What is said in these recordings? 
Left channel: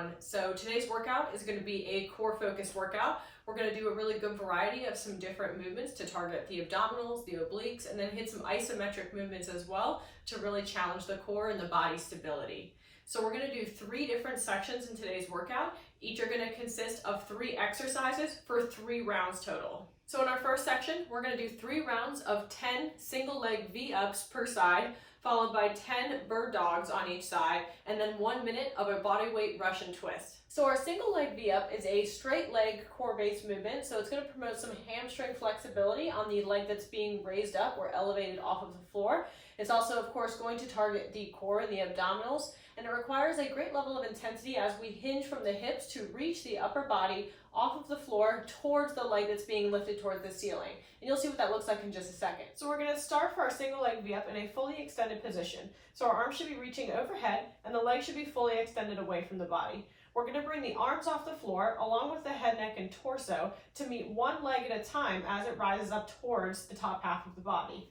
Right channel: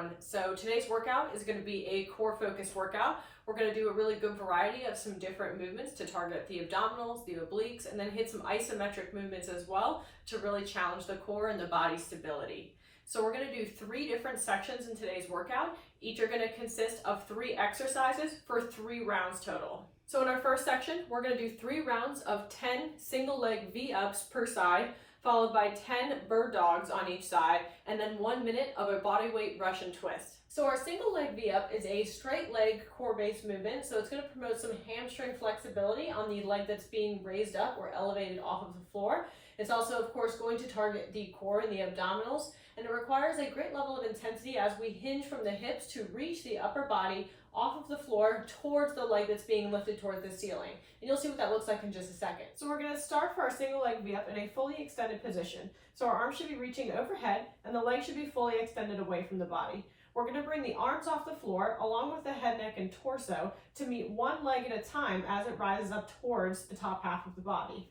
everyone. So today's workout is going to be a core focused workout. We're going to do a really good variety of some different movements to target the abdominals, the obliques, and then hit some isometric movements as well to really challenge the core and the body stability. So we're going to do 3 different sections in today's workout. Each are going to consist of 3 exercises for 3 rounds total. So in our first section, we're going to do 3 rounds of 10 single leg V-ups per side, followed by 10 bird dogs on each side, and then 1 minute of a bodyweight Russian twist. So our single leg V-up is a straight leg core-based movement, so it's going to promote some hamstring flexibility on the leg that's being raised up or elevated off of the floor. It's also, of course, going to target the core and the abdominals, and it requires a great level of intensity as we hinge from the hips to reach the upper body off of the floor towards the leg that's being lifted towards the ceiling. And you'll see what that looks like in just a second. So we're going to start for our single leg V-up in a fully extended position. So our arms should be reaching overhead and the leg should be fully extended away from the body. We're going to bring the arms off the floor along with the head, neck, and torso to meet one leg at a time as it rises up towards the top half of the body.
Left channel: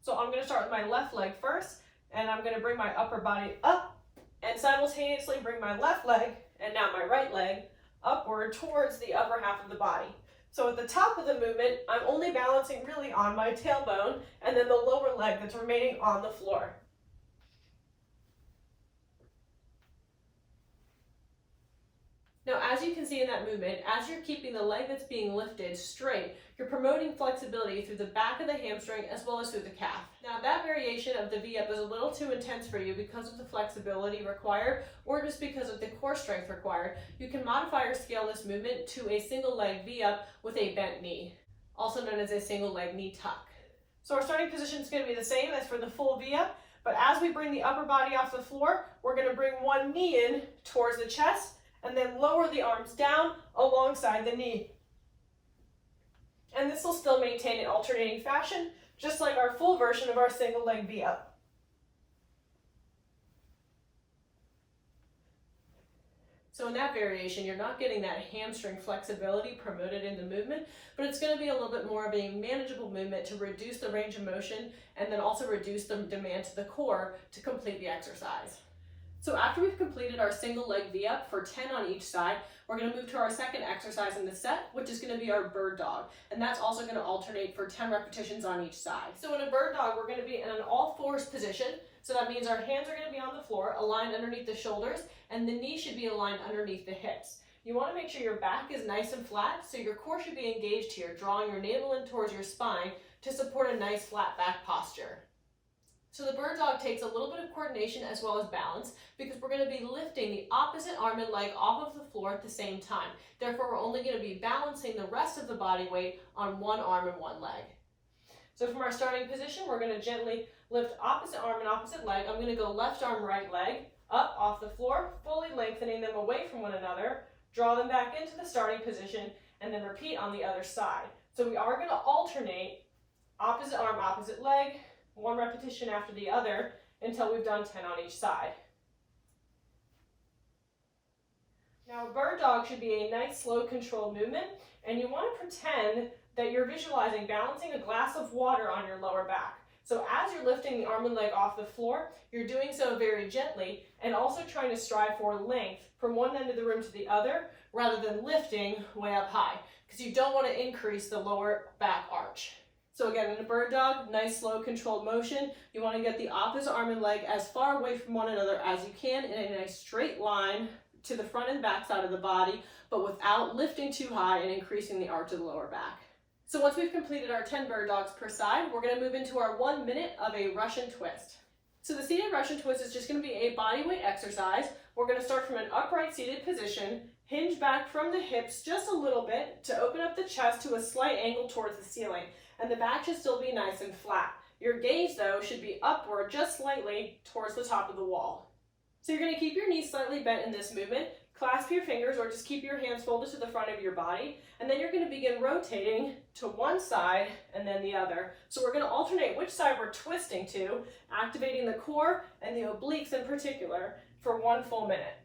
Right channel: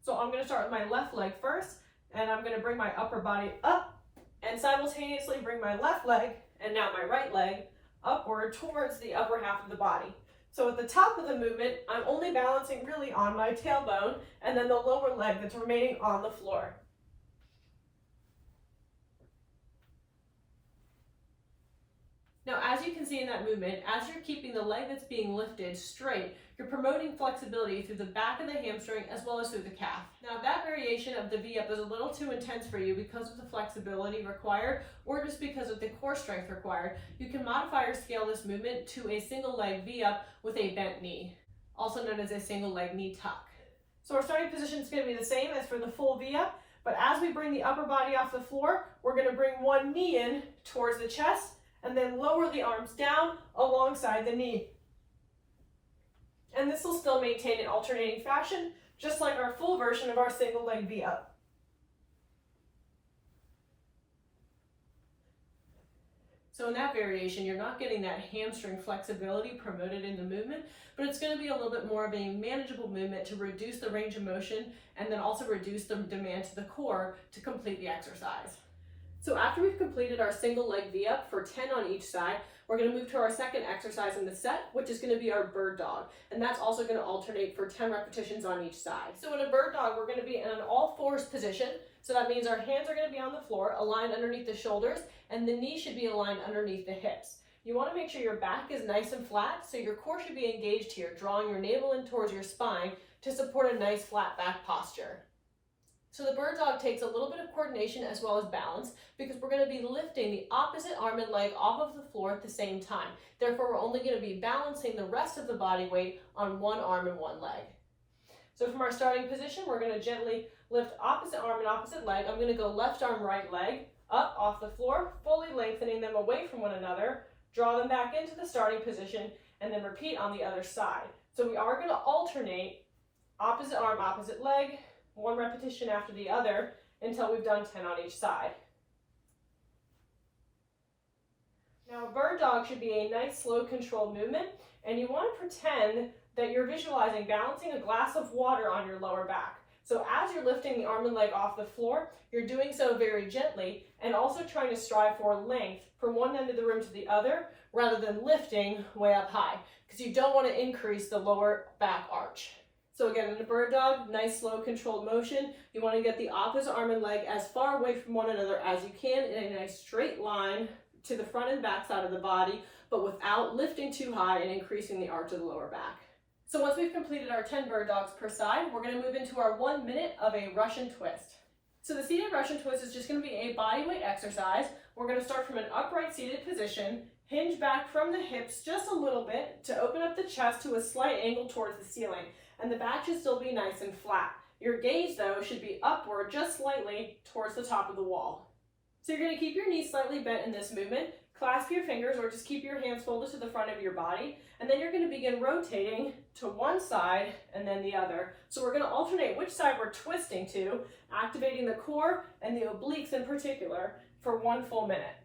So I'm going to start with my left leg first, and I'm going to bring my upper body up and simultaneously bring my left leg and now my right leg upward towards the upper half of the body. So at the top of the movement, I'm only balancing really on my tailbone and then the lower leg that's remaining on the floor. Now, as you can see in that movement, as you're keeping the leg that's being lifted straight, you're promoting flexibility through the back of the hamstring as well as through the calf. Now, that variation of the V-up is a little too intense for you because of the flexibility required or just because of the core strength required. You can modify or scale this movement to a single leg V-up with a bent knee, also known as a single leg knee tuck. So our starting position is going to be the same as for the full V-up, but as we bring the upper body off the floor, we're going to bring one knee in towards the chest and then lower the arms down alongside the knee. And this will still maintain an alternating fashion, just like our full version of our single leg V-up. So in that variation, you're not getting that hamstring flexibility promoted in the movement, but it's going to be a little bit more of a manageable movement to reduce the range of motion and then also reduce the demand to the core to complete the exercise. So after we've completed our single leg V-up for 10 on each side, we're going to move to our second exercise in the set, which is going to be our bird dog. And that's also going to alternate for 10 repetitions on each side. So in a bird dog, we're going to be in an all fours position. So that means our hands are going to be on the floor, aligned underneath the shoulders, and the knees should be aligned underneath the hips. You want to make sure your back is nice and flat, so your core should be engaged here, drawing your navel in towards your spine to support a nice flat back posture. So the bird dog takes a little bit of coordination as well as balance because we're going to be lifting the opposite arm and leg off of the floor at the same time. Therefore, we're only going to be balancing the rest of the body weight on one arm and one leg. So from our starting position, we're going to gently lift opposite arm and opposite leg. I'm going to go left arm, right leg, up off the floor, fully lengthening them away from one another, draw them back into the starting position, and then repeat on the other side. So we are going to alternate opposite arm, opposite leg, 1 repetition after the other until we've done 10 on each side. Now a bird dog should be a nice slow controlled movement, and you want to pretend that you're visualizing balancing a glass of water on your lower back. So as you're lifting the arm and leg off the floor, you're doing so very gently and also trying to strive for length from one end of the room to the other rather than lifting way up high because you don't want to increase the lower back arch. So again, in a bird dog, nice, slow, controlled motion. You want to get the opposite arm and leg as far away from one another as you can in a nice straight line to the front and back side of the body, but without lifting too high and increasing the arch of the lower back. So once we've completed our 10 bird dogs per side, we're going to move into our 1 minute of a Russian twist. So the seated Russian twist is just going to be a bodyweight exercise. We're going to start from an upright seated position, hinge back from the hips just a little bit to open up the chest to a slight angle towards the ceiling. And the back should still be nice and flat. Your gaze, though, should be upward just slightly towards the top of the wall. So you're going to keep your knees slightly bent in this movement, clasp your fingers or just keep your hands folded to the front of your body, and then you're going to begin rotating to one side and then the other. So we're going to alternate which side we're twisting to, activating the core and the obliques in particular for 1 full minute.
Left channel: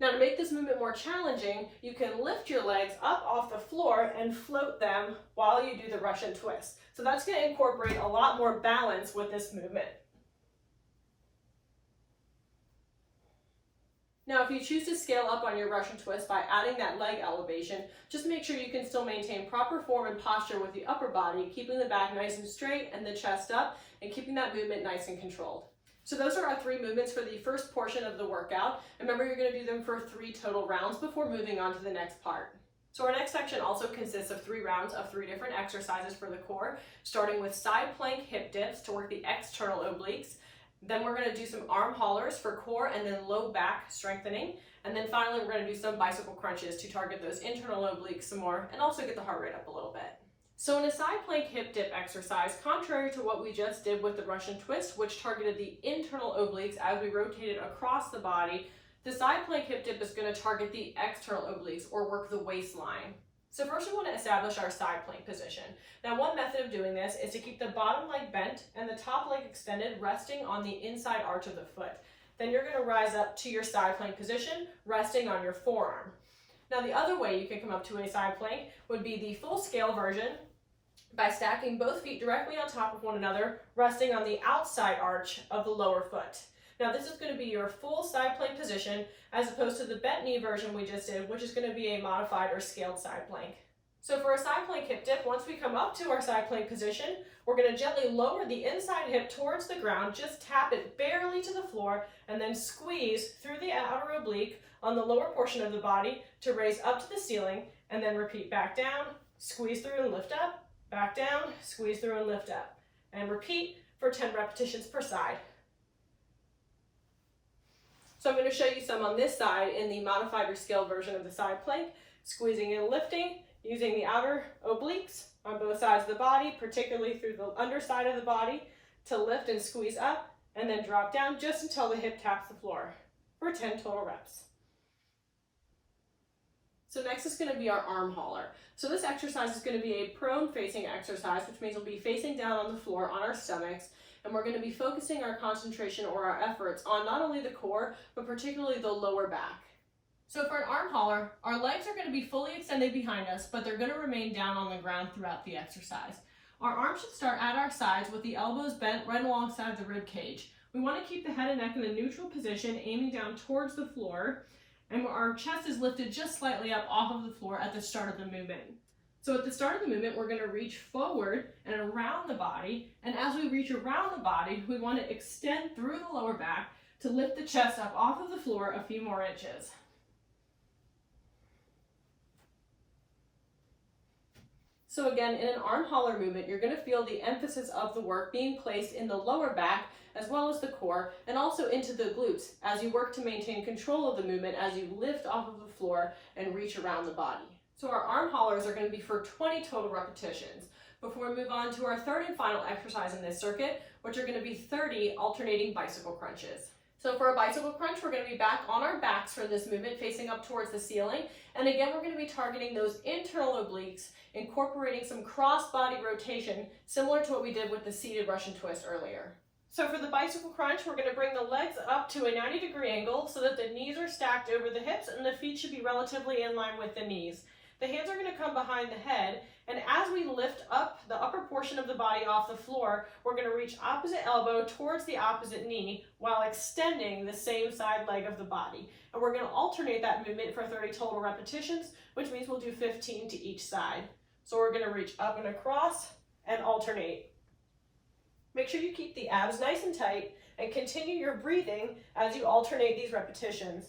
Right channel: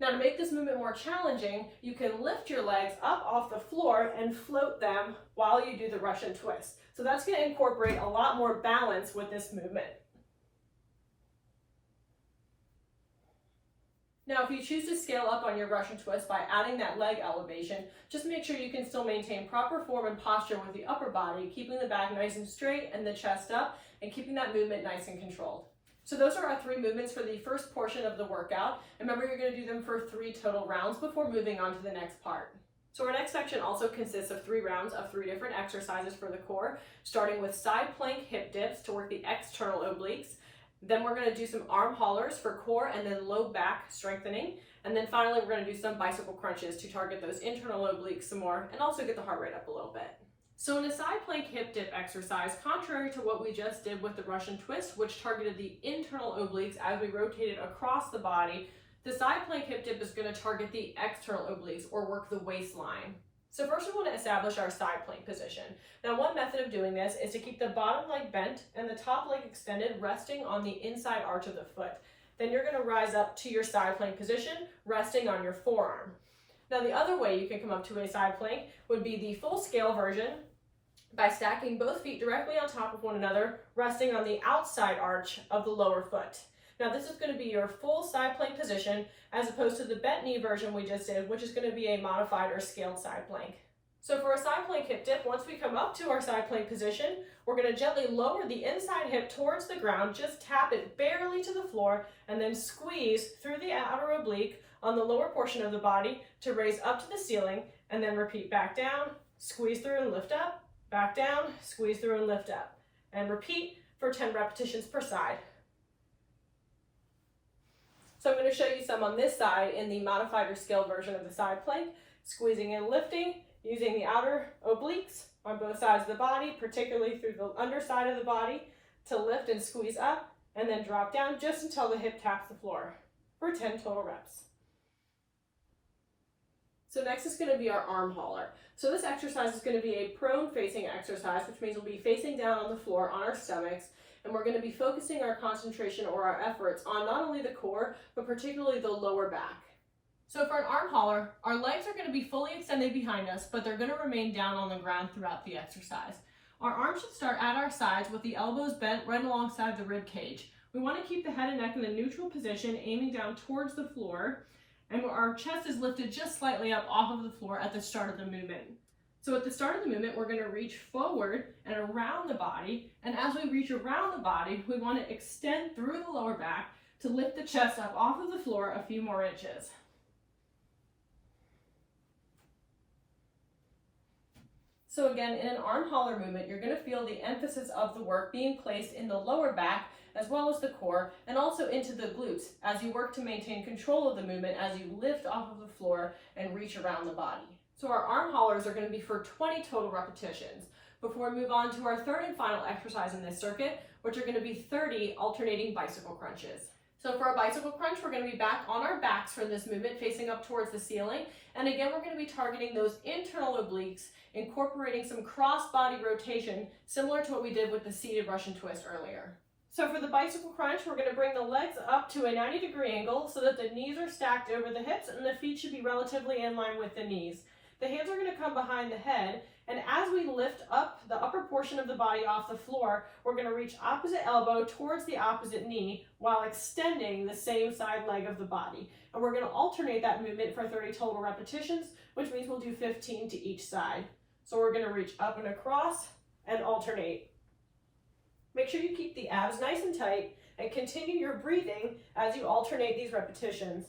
Now to make this movement more challenging, you can lift your legs up off the floor and float them while you do the Russian twist. So that's going to incorporate a lot more balance with this movement. Now, if you choose to scale up on your Russian twist by adding that leg elevation, just make sure you can still maintain proper form and posture with the upper body, keeping the back nice and straight and the chest up, and keeping that movement nice and controlled. So those are our 3 movements for the first portion of the workout. Remember, you're going to do them for 3 total rounds before moving on to the next part. So our next section also consists of 3 rounds of 3 different exercises for the core, starting with side plank hip dips to work the external obliques. Then we're going to do some arm haulers for core and then low back strengthening. And then finally, we're going to do some bicycle crunches to target those internal obliques some more and also get the heart rate up a little bit. So in a side plank hip dip exercise, contrary to what we just did with the Russian twist, which targeted the internal obliques as we rotated across the body, the side plank hip dip is going to target the external obliques or work the waistline. So first we want to establish our side plank position. Now one method of doing this is to keep the bottom leg bent and the top leg extended, resting on the inside arch of the foot. Then you're going to rise up to your side plank position, resting on your forearm. Now the other way you can come up to a side plank would be the full scale version by stacking both feet directly on top of one another, resting on the outside arch of the lower foot. Now this is going to be your full side plank position as opposed to the bent knee version we just did, which is going to be a modified or scaled side plank. So for a side plank hip dip, once we come up to our side plank position, we're going to gently lower the inside hip towards the ground, just tap it barely to the floor, and then squeeze through the outer oblique on the lower portion of the body to raise up to the ceiling, and then repeat back down, squeeze through and lift up, back down, squeeze through and lift up, and repeat for 10 repetitions per side. So I'm going to show you some on this side in the modified or scaled version of the side plank, squeezing and lifting, using the outer obliques on both sides of the body, particularly through the underside of the body, to lift and squeeze up, and then drop down just until the hip taps the floor for 10 total reps. So next is going to be our arm hauler. So this exercise is going to be a prone facing exercise, which means we'll be facing down on the floor on our stomachs, and we're going to be focusing our concentration or our efforts on not only the core, but particularly the lower back. So for an arm hauler, our legs are going to be fully extended behind us, but they're going to remain down on the ground throughout the exercise. Our arms should start at our sides with the elbows bent right alongside the rib cage. We want to keep the head and neck in a neutral position, aiming down towards the floor, and our chest is lifted just slightly up off of the floor at the start of the movement. So at the start of the movement, we're going to reach forward and around the body, and as we reach around the body, we want to extend through the lower back to lift the chest up off of the floor a few more inches. So again, in an arm hauler movement, you're going to feel the emphasis of the work being placed in the lower back as well as the core, and also into the glutes as you work to maintain control of the movement as you lift off of the floor and reach around the body. So our arm haulers are going to be for 20 total repetitions before we move on to our third and final exercise in this circuit, which are going to be 30 alternating bicycle crunches. So for a bicycle crunch, we're going to be back on our backs for this movement, facing up towards the ceiling. And again, we're going to be targeting those internal obliques, incorporating some cross-body rotation, similar to what we did with the seated Russian twist earlier. So for the bicycle crunch, we're going to bring the legs up to a 90-degree angle so that the knees are stacked over the hips and the feet should be relatively in line with the knees. The hands are going to come behind the head, and as we lift up the upper portion of the body off the floor, we're going to reach opposite elbow towards the opposite knee while extending the same side leg of the body. And we're going to alternate that movement for 30 total repetitions, which means we'll do 15 to each side. So we're going to reach up and across and alternate. Make sure you keep the abs nice and tight and continue your breathing as you alternate these repetitions.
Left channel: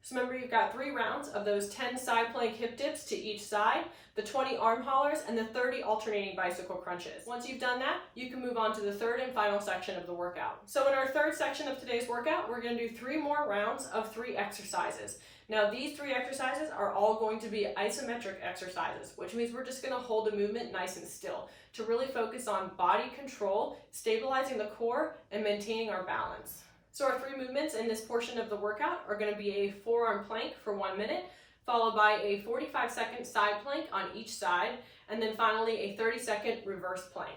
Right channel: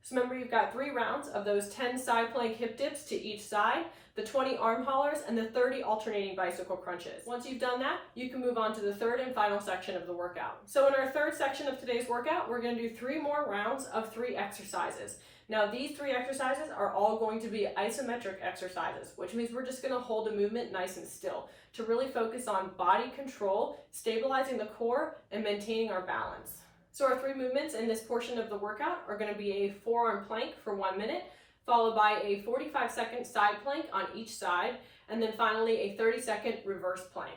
So remember, you've got 3 rounds of those 10 side plank hip dips to each side, the 20 arm haulers, and the 30 alternating bicycle crunches. Once you've done that, you can move on to the third and final section of the workout. So in our third section of today's workout, we're going to do 3 more rounds of 3 exercises. Now these 3 exercises are all going to be isometric exercises, which means we're just going to hold the movement nice and still to really focus on body control, stabilizing the core, and maintaining our balance. So our 3 movements in this portion of the workout are going to be a forearm plank for 1 minute, followed by a 45-second side plank on each side, and then finally a 30-second reverse plank.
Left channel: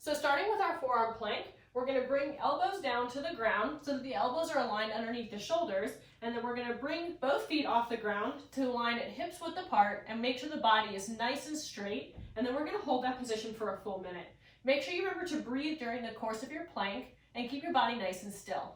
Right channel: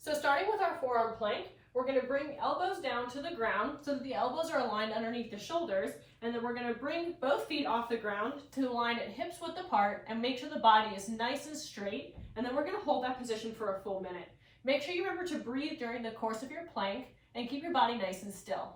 So starting with our forearm plank, we're going to bring elbows down to the ground so that the elbows are aligned underneath the shoulders, and then we're going to bring both feet off the ground to align at hips width apart and make sure the body is nice and straight, and then we're going to hold that position for a full minute. Make sure you remember to breathe during the course of your plank and keep your body nice and still.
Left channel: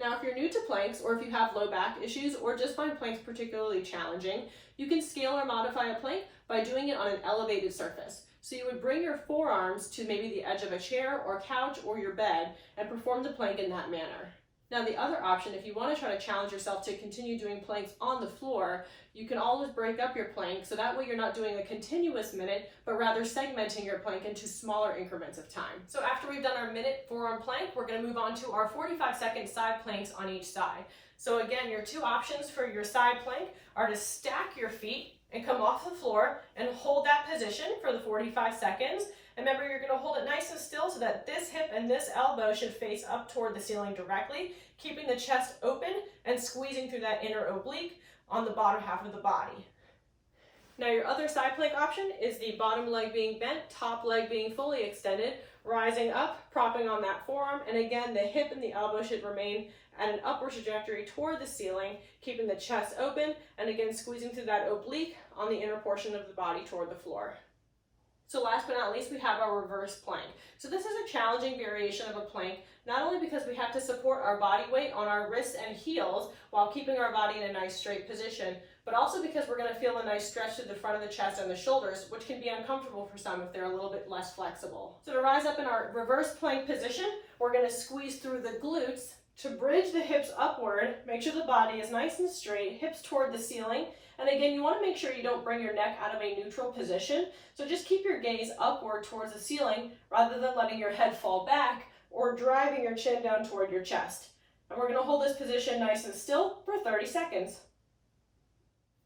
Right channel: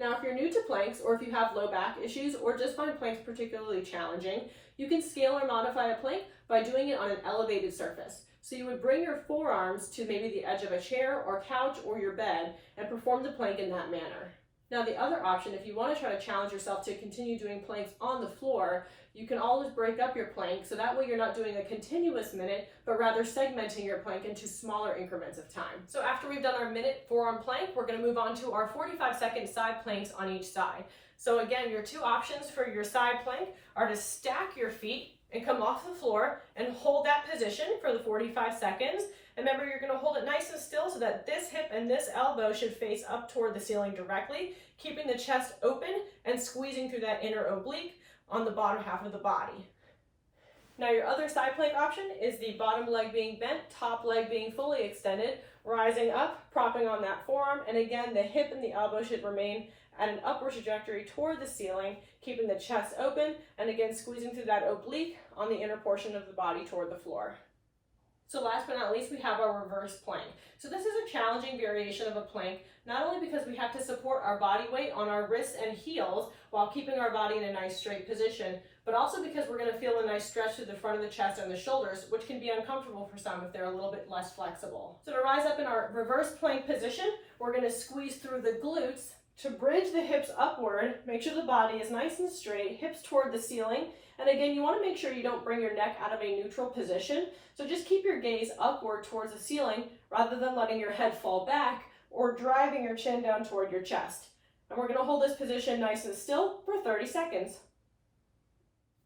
Now, if you're new to planks, or if you have low back issues, or just find planks particularly challenging, you can scale or modify a plank by doing it on an elevated surface. So you would bring your forearms to maybe the edge of a chair or couch or your bed and perform the plank in that manner. Now, the other option, if you want to try to challenge yourself to continue doing planks on the floor, you can always break up your plank so that way you're not doing a continuous minute, but rather segmenting your plank into smaller increments of time. So after we've done our minute forearm plank, we're going to move on to our 45-second side planks on each side. So again, your two options for your side plank are to stack your feet and come off the floor and hold that position for the 45 seconds. And remember, you're going to hold it nice and still so that this hip and this elbow should face up toward the ceiling directly, keeping the chest open and squeezing through that inner oblique on the bottom half of the body. Now, your other side plank option is the bottom leg being bent, top leg being fully extended, rising up, propping on that forearm, and again, the hip and the elbow should remain at an upward trajectory toward the ceiling, keeping the chest open, and again, squeezing through that oblique on the inner portion of the body toward the floor. So last but not least, we have our reverse plank. So this is a challenging variation of a plank, not only because we have to support our body weight on our wrists and heels while keeping our body in a nice straight position, but also because we're going to feel a nice stretch through the front of the chest and the shoulders, which can be uncomfortable for some if they're a little bit less flexible. So to rise up in our reverse plank position, we're going to squeeze through the glutes to bridge the hips upward, make sure the body is nice and straight, hips toward the ceiling. And again, you want to make sure you don't bring your neck out of a neutral position. So just keep your gaze upward towards the ceiling rather than letting your head fall back or driving your chin down toward your chest. And we're going to hold this position nice and still for 30 seconds.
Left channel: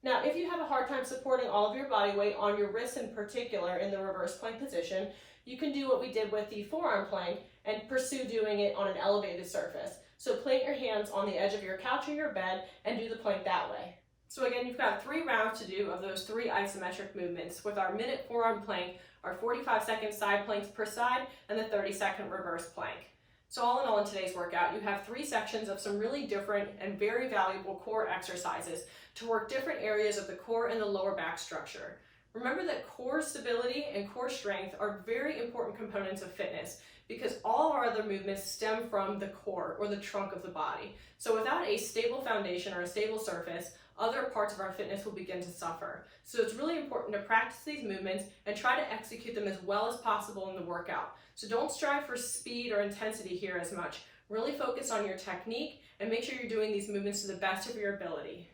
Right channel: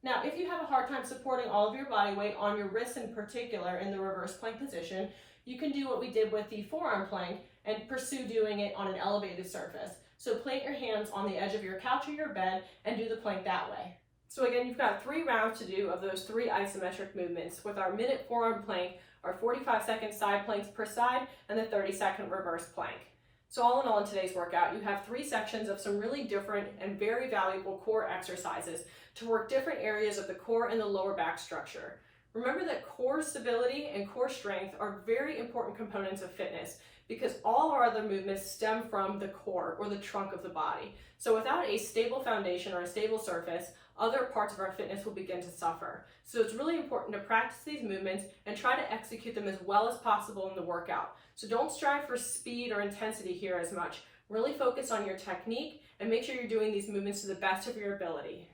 Now, if you have a hard time supporting all of your body weight on your wrists in particular in the reverse plank position, you can do what we did with the forearm plank and pursue doing it on an elevated surface. So plant your hands on the edge of your couch or your bed and do the plank that way. So again, you've got 3 rounds to do of those 3 isometric movements with our minute forearm plank, our 45-second side planks per side, and the 30-second reverse plank. So all in all, in today's workout, you have 3 sections of some really different and very valuable core exercises to work different areas of the core and the lower back structure. Remember that core stability and core strength are very important components of fitness because all our other movements stem from the core or the trunk of the body. So without a stable foundation or a stable surface, other parts of our fitness will begin to suffer. So it's really important to practice these movements and try to execute them as well as possible in the workout. So don't strive for speed or intensity here as much. Really focus on your technique and make sure you're doing these movements to the best of your ability.